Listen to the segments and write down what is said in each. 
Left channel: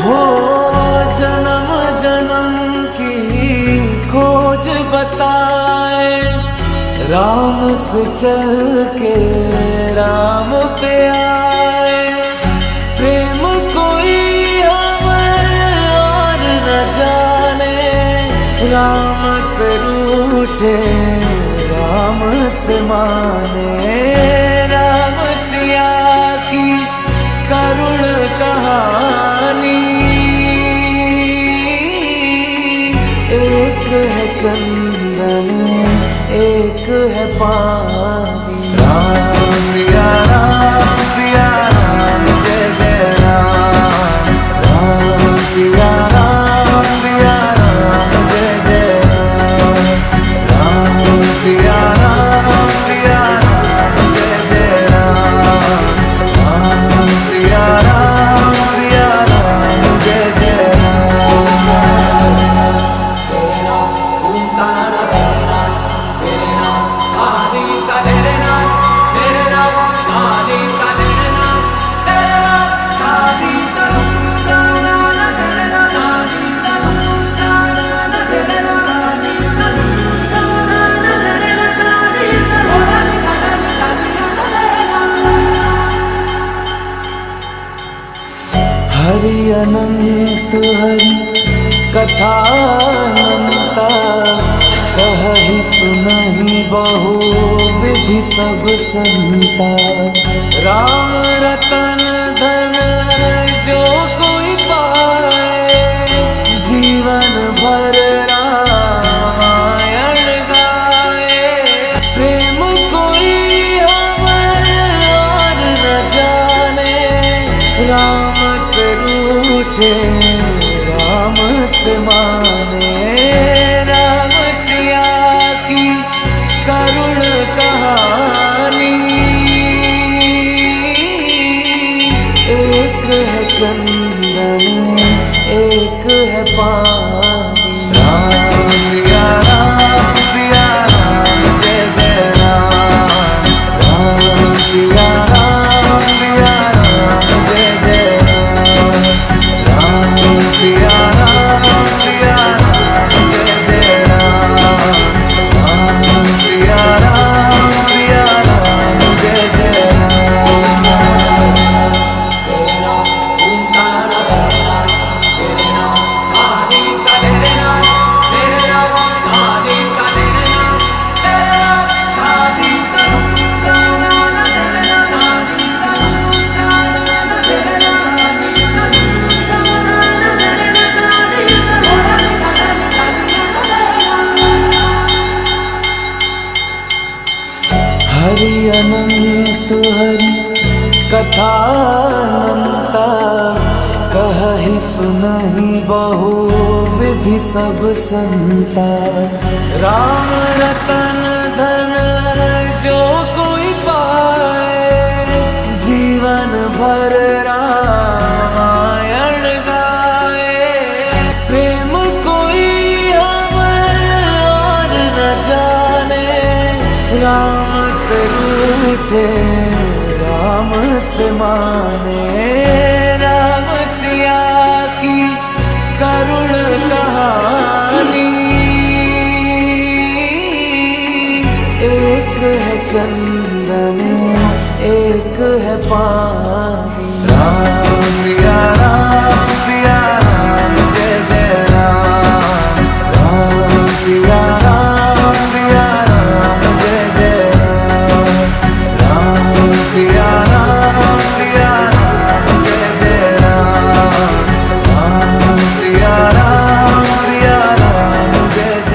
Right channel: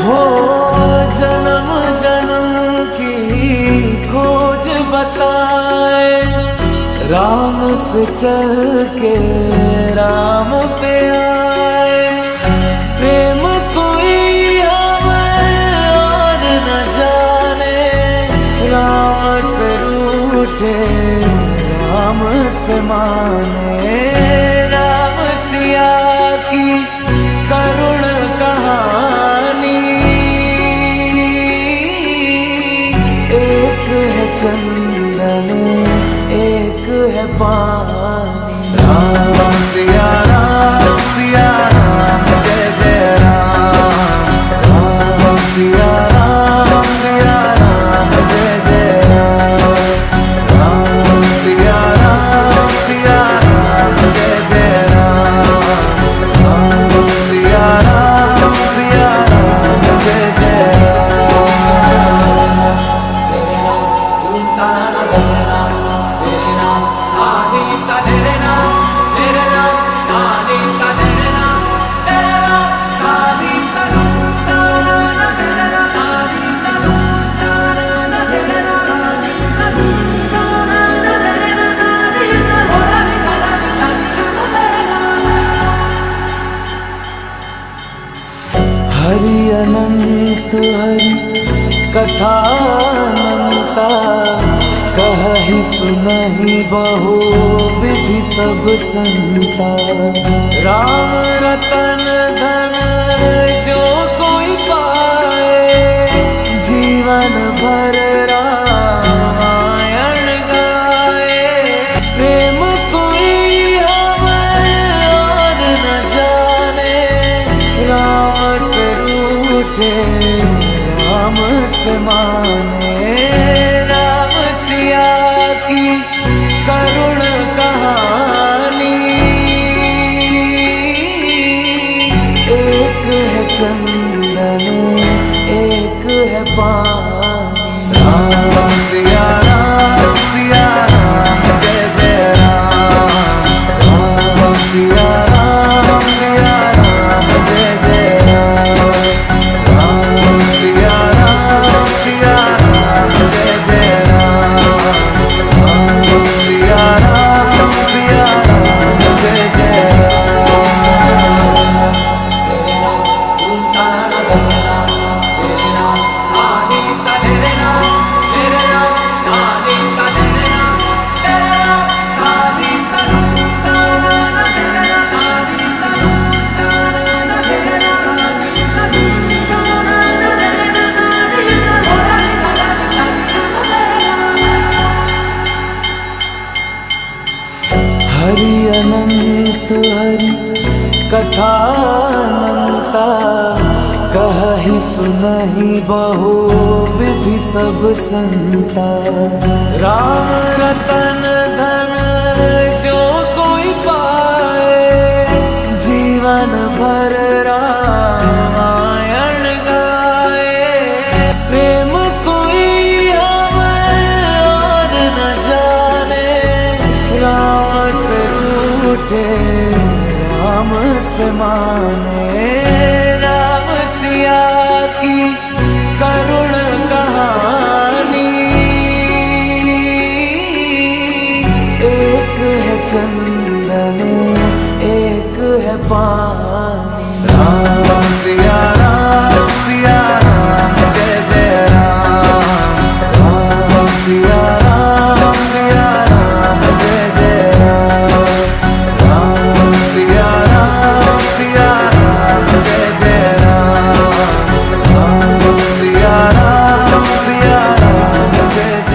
हो जन्म जन्म की खोज बताए, राम से चल के राम पे आए। प्रेम कोई हमें और न जाने, राम से रूठे राम से माने। राम सिया की करुण कहानी, एक है चंदन एक है पानी। राम सिया राम जय जय राम। राम सिया राम जय जय राम। राम सिया राम जय जय राम। राम सिया राम जय जय राम। तेरे नाम तुम ताना तेरे नाम आदि का तेरे नाम, तेरे नाम आदि का तेरे नाम, तेरे नाम आदि का तुम ताना तेरे नाम, आदि का तुम ताना तेरे नाम, आदि का तुम ताना तेरे नाम, आदि का बोलानी ताना तेरे नाम। हरि अनंत हरि कथा अनंता, कहहि सुनहि बहु विधि सब संता। राम रतन धन जो कोई पाए, जीवन भर रामायण गाए। प्रेम कोई हमें और न जाने, राम से रूठे राम से माने। राम सिया की करुण कहानी, एक है चंदन एक है पानी। राम सिया राम जय जय राम। राम सिया राम जय जय राम। राम सिया राम जय जय राम। राम सिया राम जय जय राम। तेरे नाम तुम ताना तेरे नाम, तेरे नाम आदि का तेरे नाम, तेरे नाम आदि का तेरे नाम, तेरे नाम आदि का तुम ताना तेरे नाम, आदि का तुम ताना तेरे नाम, आदि का तुम ताना तेरे नाम, आदि का बोलानी ताना तेरे नाम। हरि अनंत हरि कथा अनंता, कहहि सुनहि बहु विधि सब संता। राम रतन धन जो कोई पाए, जीवन भर रामायण गाए। प्रेम कोई हमें और न जाने, राम से रूठे राम से माने। राम सिया की करुण कहानी, एक है चंदन एक है पानी। राम सिया राम जय जय राम। राम सिया राम जय जय राम। राम सिया राम जय जय राम। राम सिया राम जय जय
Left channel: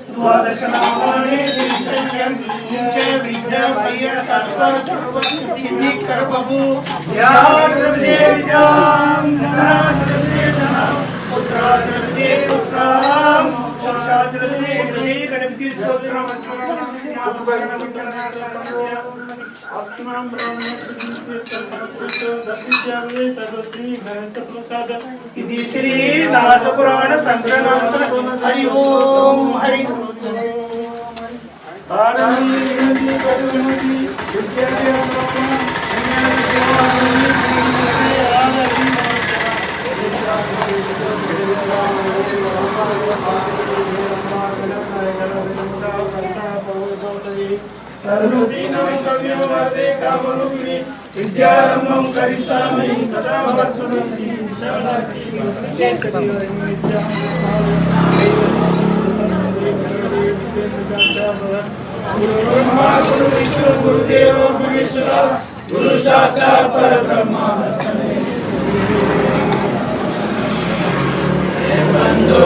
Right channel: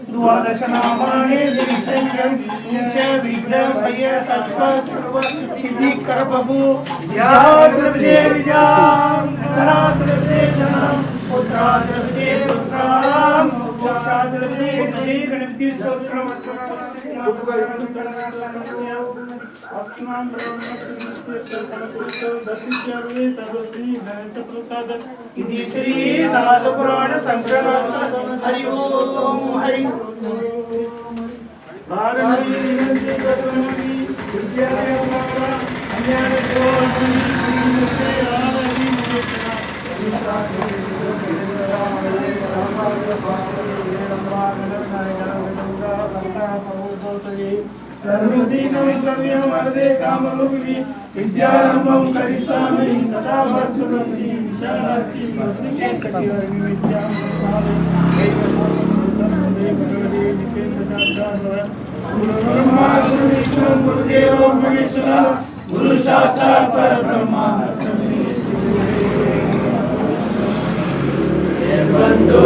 राम। द्वादशनामानि नीचे विद्या भैया तत्पर सिद्धि कर बबू या द्रव्ये विजाम धरा द्रव्ये धनम पुत्रा द्रव्ये पुत्राम मोक्षा द्रव्ये गति गणपति स्तोत्रम इति श्री नारद पुराण संग्रहनाथ हरि ओम हरि विद्यारंभं करिष्यामि सदा भवतु गुरुदेवो महेश्वर गुरु साक्षात् परब्रह्म बंधु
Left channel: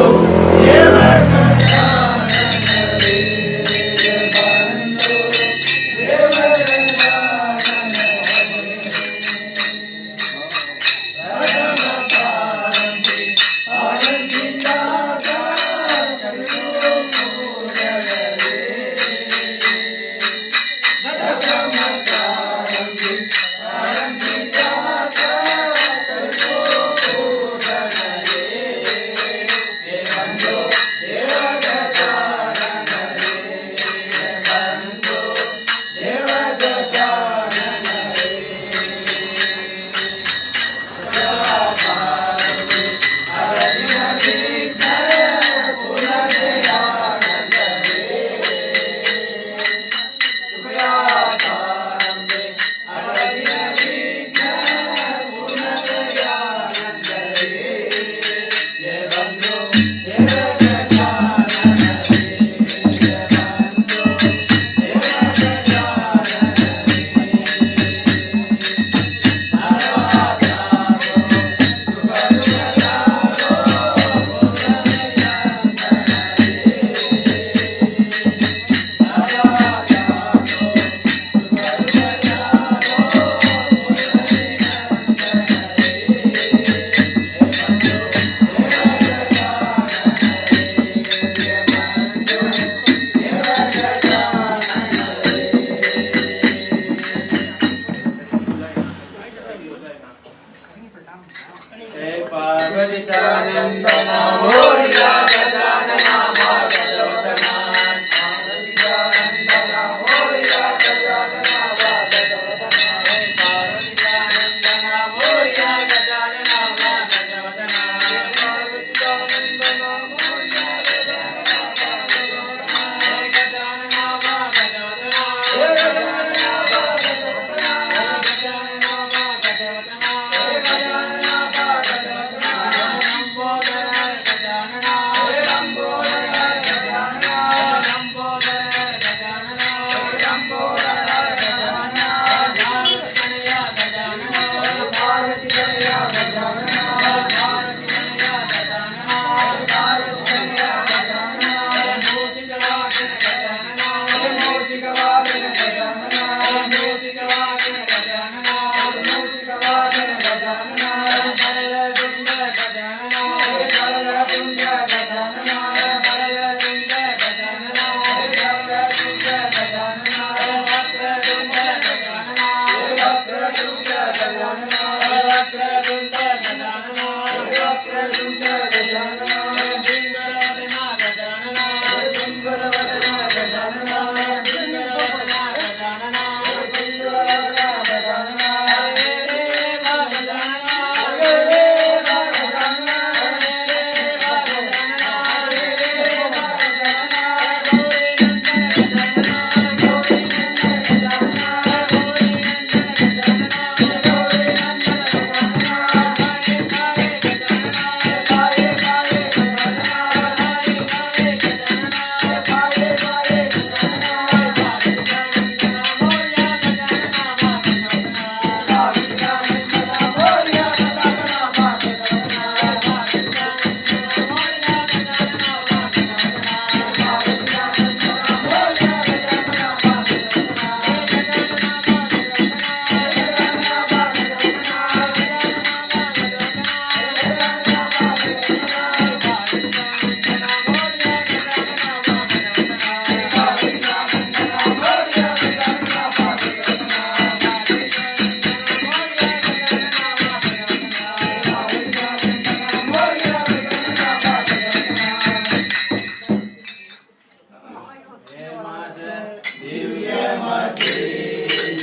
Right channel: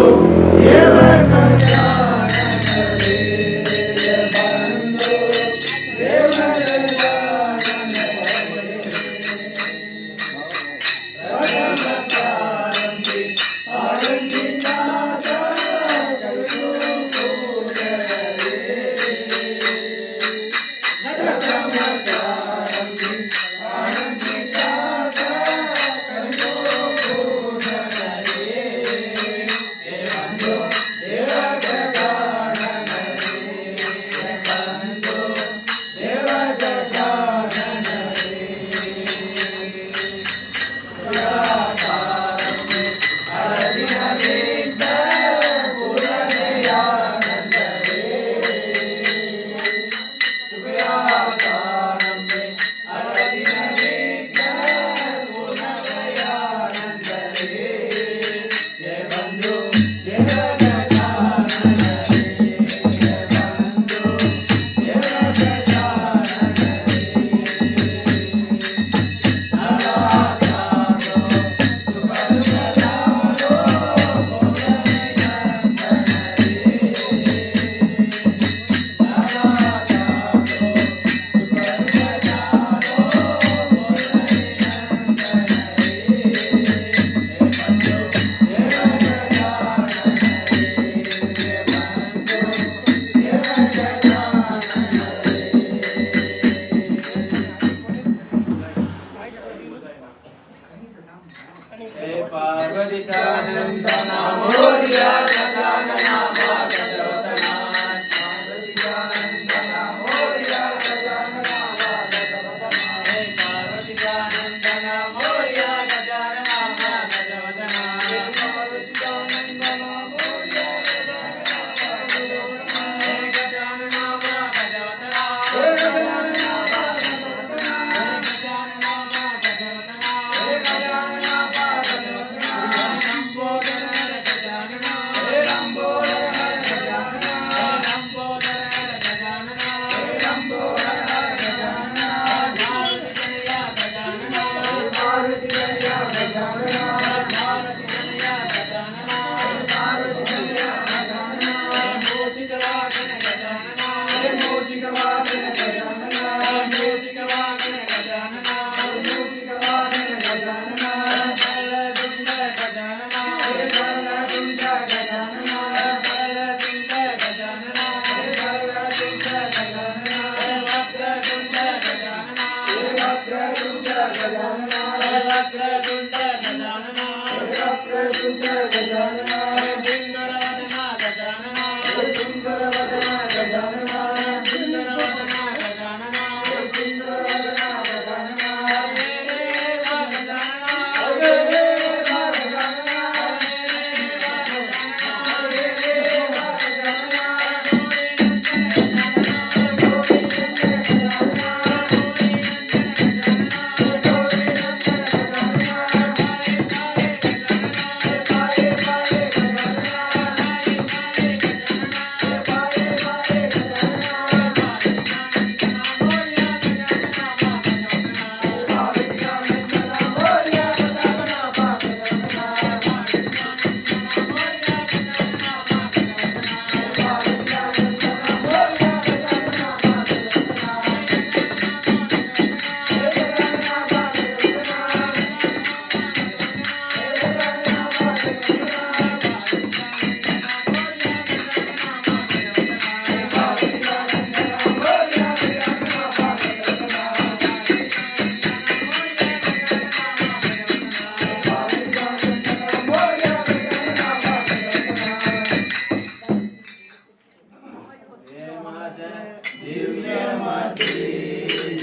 सरस्वती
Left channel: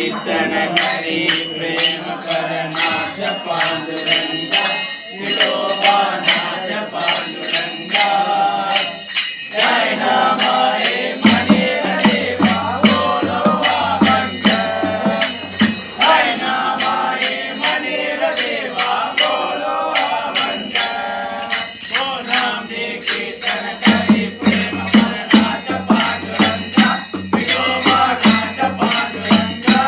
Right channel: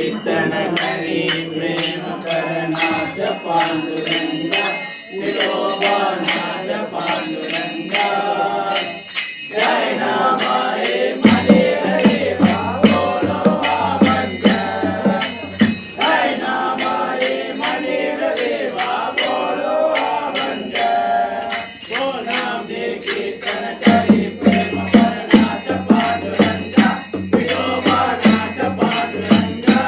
कीर्तन करी प्रेम करनाथ पांडुरंगा विठोबानाथ पांडुरंगा जय हमारे मनेर देवा बोलवा बंद जय हमारे मनेर देवा बोलवा बंद बोला दे कीर्तन करी प्रेम करनाथ पांडुरंगा विठोबानाथ पांडुरंगा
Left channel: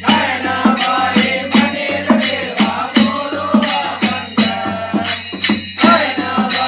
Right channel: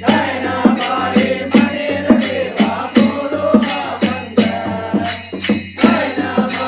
जय हमारे मनेर देवा बोलवा बंद जय हमारे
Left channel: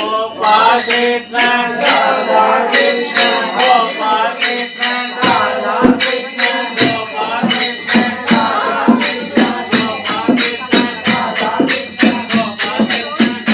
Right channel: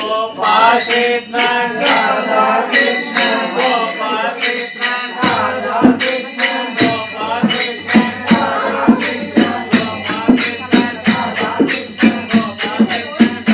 गोपाळ कृष्ण राधा कृष्ण गोपाळ कृष्ण राधा कृष्ण गोपाळ कृष्ण राधा कृष्ण गोपाळ कृष्ण राधा कृष्ण गोपाळ कृष्ण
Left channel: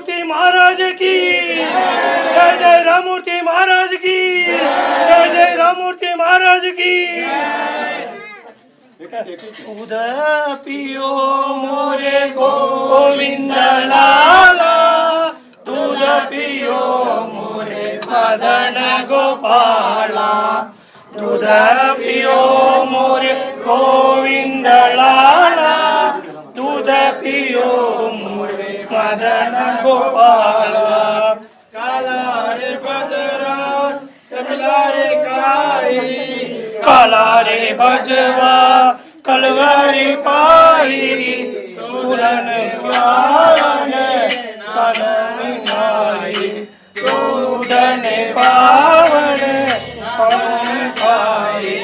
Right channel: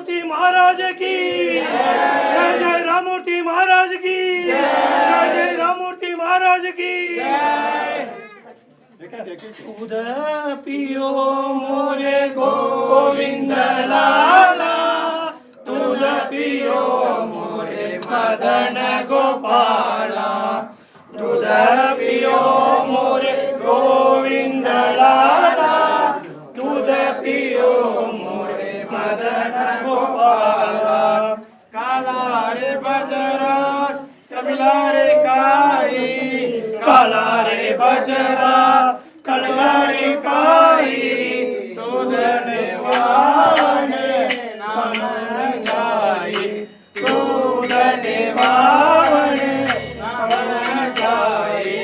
राममूर्ति महाराज की जय जय राममूर्ति महाराज की जय जय राममूर्ति महाराज की दूध पियो मोरे गोविंद लाला दूध पियो मोरे मदन गोपाला दूध पियो मोरे गोविंद लाला दूध पियो मोरे मदन गोपाला काला रे बजरा कमला रे काळी काला रे बजरा कलवारी पाई तुलन वाने नानन जाई तुलन पावने नानन जाई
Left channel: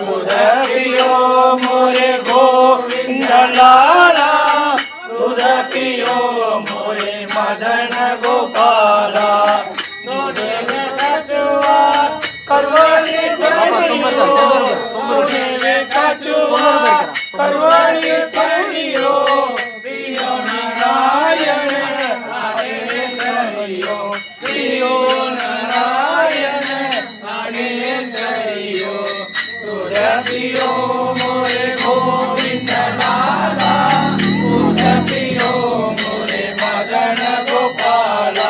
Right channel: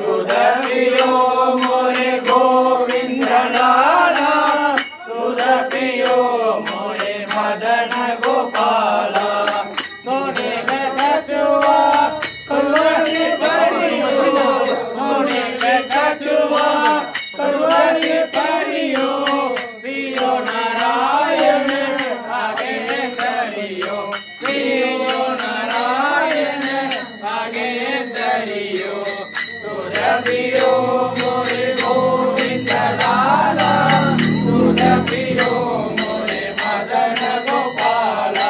दूध पियो मोरे गोविंद लाला दूध पियो मोरे मदन गोपाला सोने में कचुआ करवनी परियो सोने में कचुआ करवनी परियो प्रियो नारायण आगे करियो प्रियो नारायण आगे करियो दूध पियो मोरे गोविंद लाला दूध पियो मोरे मदन गोपाला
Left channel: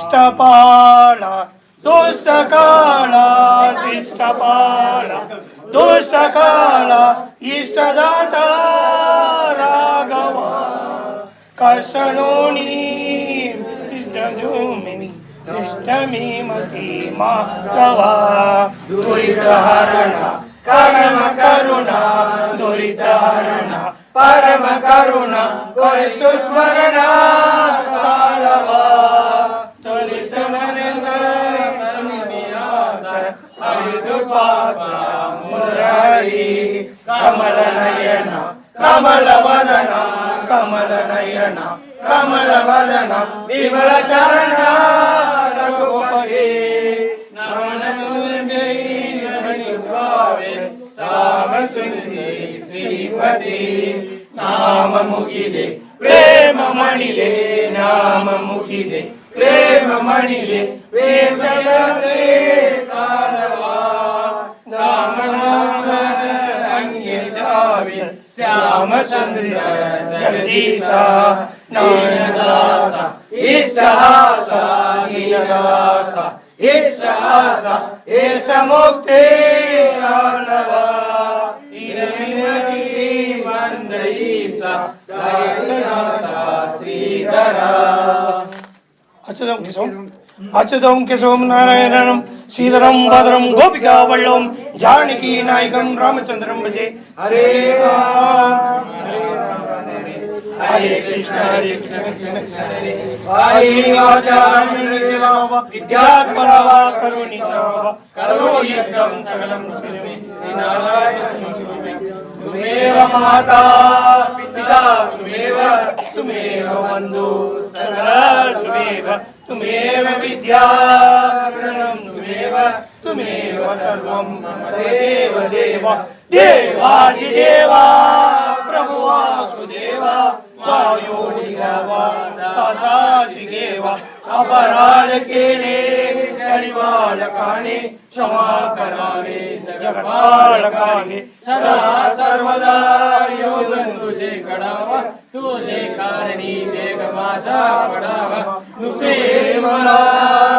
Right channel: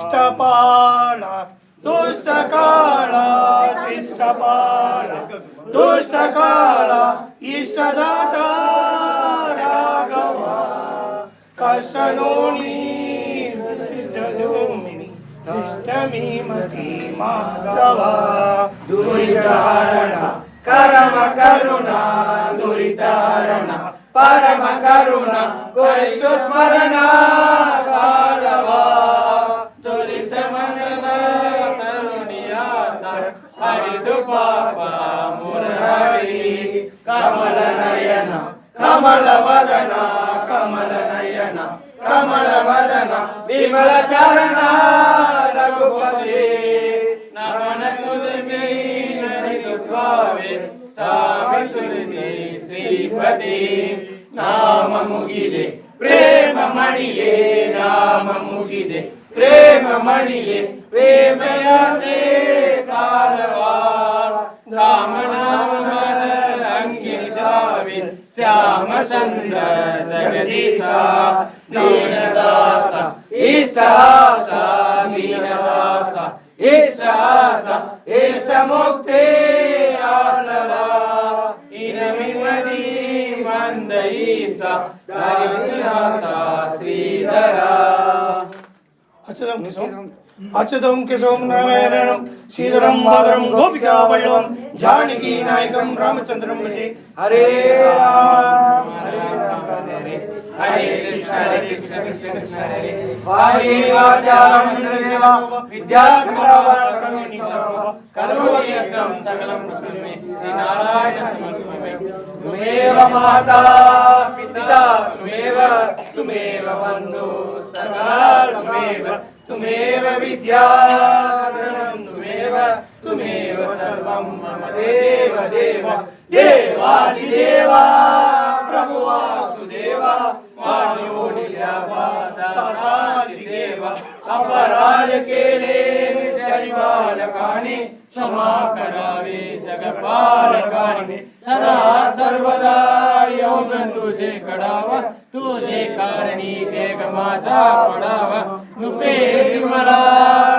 शिष्टपाला दोस्त काळा शिष्टपाला दोस्त काळा इष्टदाता राघवा कष्टणोनी इष्टधूमिनी इष्टमीमती मास्तवा दुरितहरणा परम करुणा दुरितहरणा परम करुणा करितु स्मरणा सारवा दुरित पापा मुरारी कमल नयना कमल वदना कमल नयना कमल वदना विमल चरणा रघुपते नमन तुझे भावे सावचुंदी श्रीपति नाम मुगिदे प्रेम मणिये नाम मुगिदे प्रेम मणिये वेशयाचे सारवा श्याम सुंदर जगदीशा नयनदासा इष्टहासा दीनदासा इष्टहासा एष मुक्ते आसवा इनविमती वंदईसा धर्मनाथा श्रीधरा अच्युतं केशवं नारायणं श्रीधरं माधवं गोपिका वल्लभं जानकी नायकं रामचंद्रं भजे हरे राम हरे कृष्ण कृष्ण कृष्ण हरे हरे आचारं विद्या विद्यात्मना करुणिसा करुण्यं सकलं श्री नारायण त्वमेव माता पिता त्वमेव बन्धु सखा त्वमेव विद्या गणं त्वमेव सर्वं मम देव देवाधिदेवा प्रभु वासुदेवा मायोनिदेवा सासाजिदेवा अपराध केले जनिबालकाने क्षमा करावे जगपालकाने सदा सर्वदा योगन तुझे कडावा तुझे कारणी वेग माझा पडावा नुपेस मला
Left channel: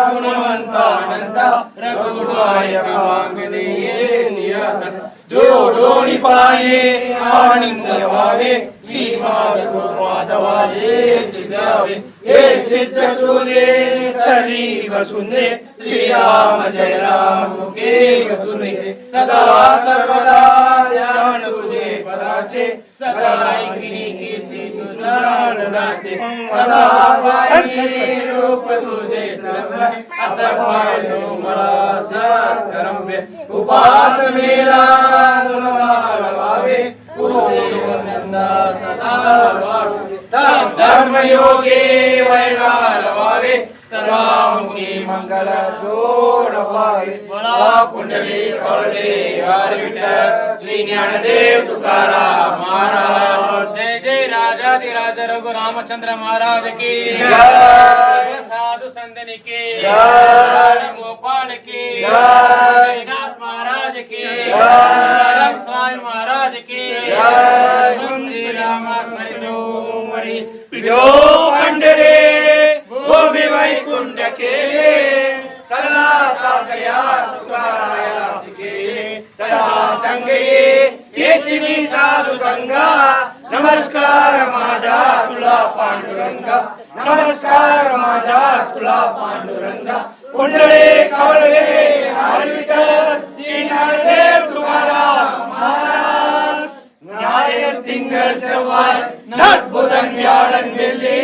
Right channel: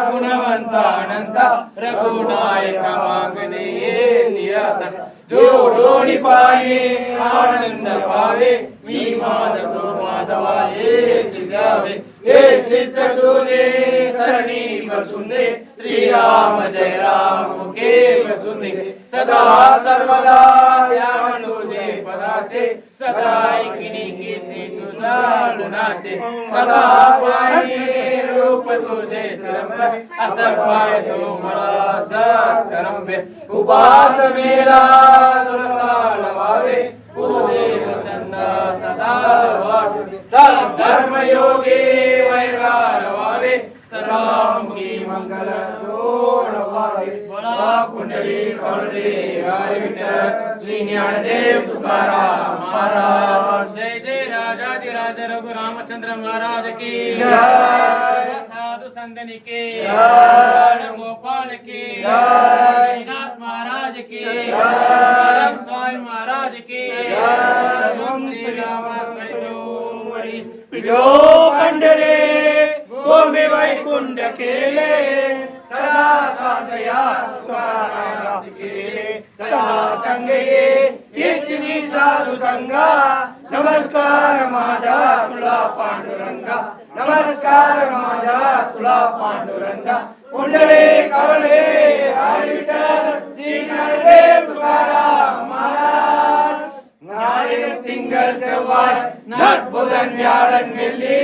गुणवंतानंता रघुनायका मागणे येता जोडोनी पाये आनंद पावे श्री माधवाले सिद्धावे हे सिद्ध सुने सरी वसुने श्री राम जय राम मुखे वसुने सदा सर्वदा ध्यान तुझे पदाचे सदा कीर्ती तुझा गुणाचे सदा पाहि रूप तुझे सर्व असं पाळतो मला सत्कर्म्य उपास मेला गुणसार व्हावे पूर्ण संदा सदा वाढू धर्म योगे वैरार व्हावे सर्वांगी मंगल दोड व्हावे बळा कुंडली कळदे हर विठ्ठल श्री ज्ञानदेव तुकाराम महाराज जय जय राजाधिराज रघु रामचंद्र महाराज की जय साधु संतन की जय गोपाल की जय नाथ महाराज की जय स्वामी महाराज की जय श्री राम स्मरितो पिढो खंडरे गोमी वैकुंठ केले सदा सासया तुकाराया केले सदा संग येचिनी साधू संगा नमस्कार माझा तुला पांडुरंगा नमस्कार माझा तुला पांडुरंगा कुंडले कवळे हरी विठ्ठल श्री ज्ञानदेव तुकाराम महाराज ஞாயிறு திங்கள் செவ்வாய் நட்புதன் வியாழன் வெள்ளி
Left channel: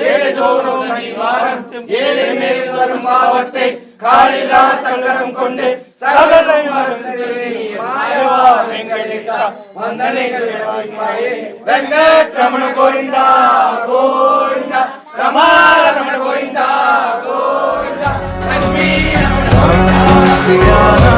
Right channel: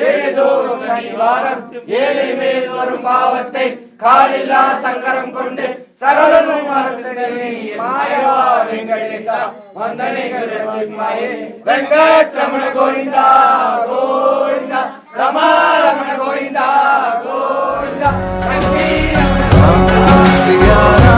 ஏழுதோறும் சனிவாரம் ஏழை மேல் வரும் பாவத்தை காலில்லா சங்கரம் கொண்டு சகலம் மாயவா வெங்கடேசா வந்தனை வெங்கட்ரமண கோவிந்தா கோவிந்தா ரமாரமண கோவிந்தா கோவிந்தா Siana